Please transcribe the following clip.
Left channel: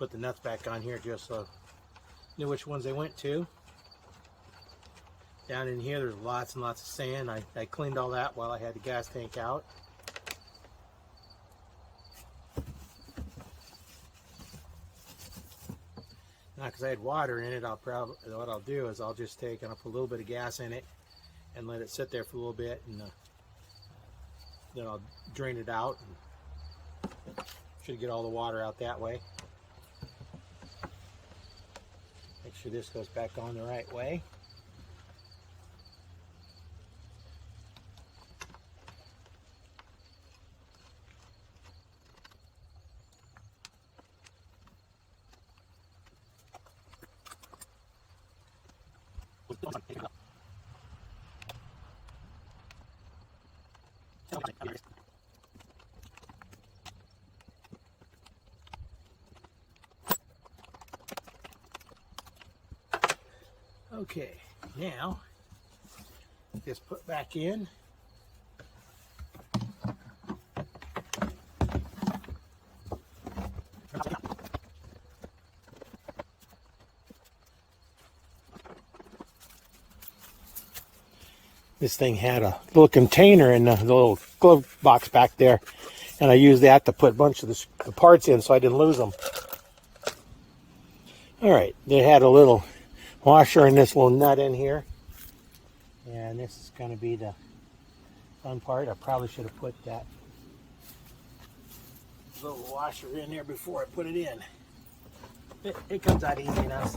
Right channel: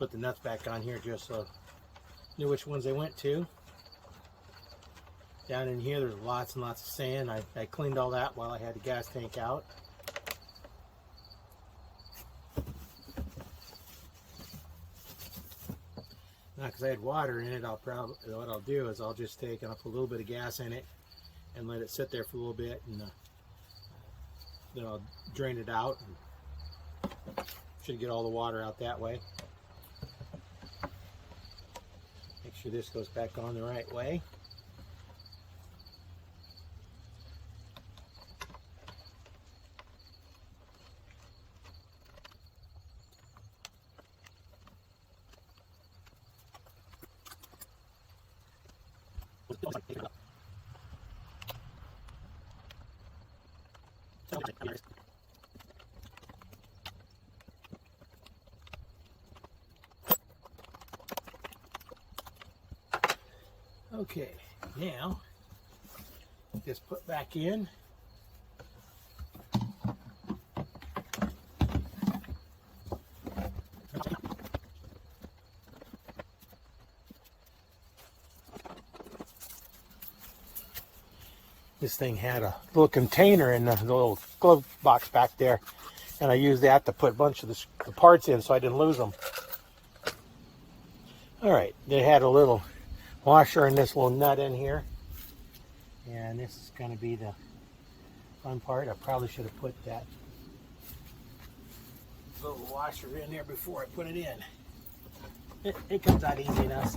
put the nuts back on here just so I knew which ones they went to. Down in here there's lots and lots of sand. I cleaned all that while I had the gas tank out. Now, because I had water in it, what I'll do is I'll just take and I'll put a little bit of gas in it and let it sit there for a little bit, and then I'll drain it out and should get all the water out that way. Make sure this goes back on the right way. Okay, now just put back in. This thing had a little container in the little glove box back there, and I used that to put a bunch of the parts in so I didn't lose them. All right, they had a little washer and this little nut in here, and this is going to be the fun part. I probably should have put that little washer in there before I put it in. It comes out easy enough.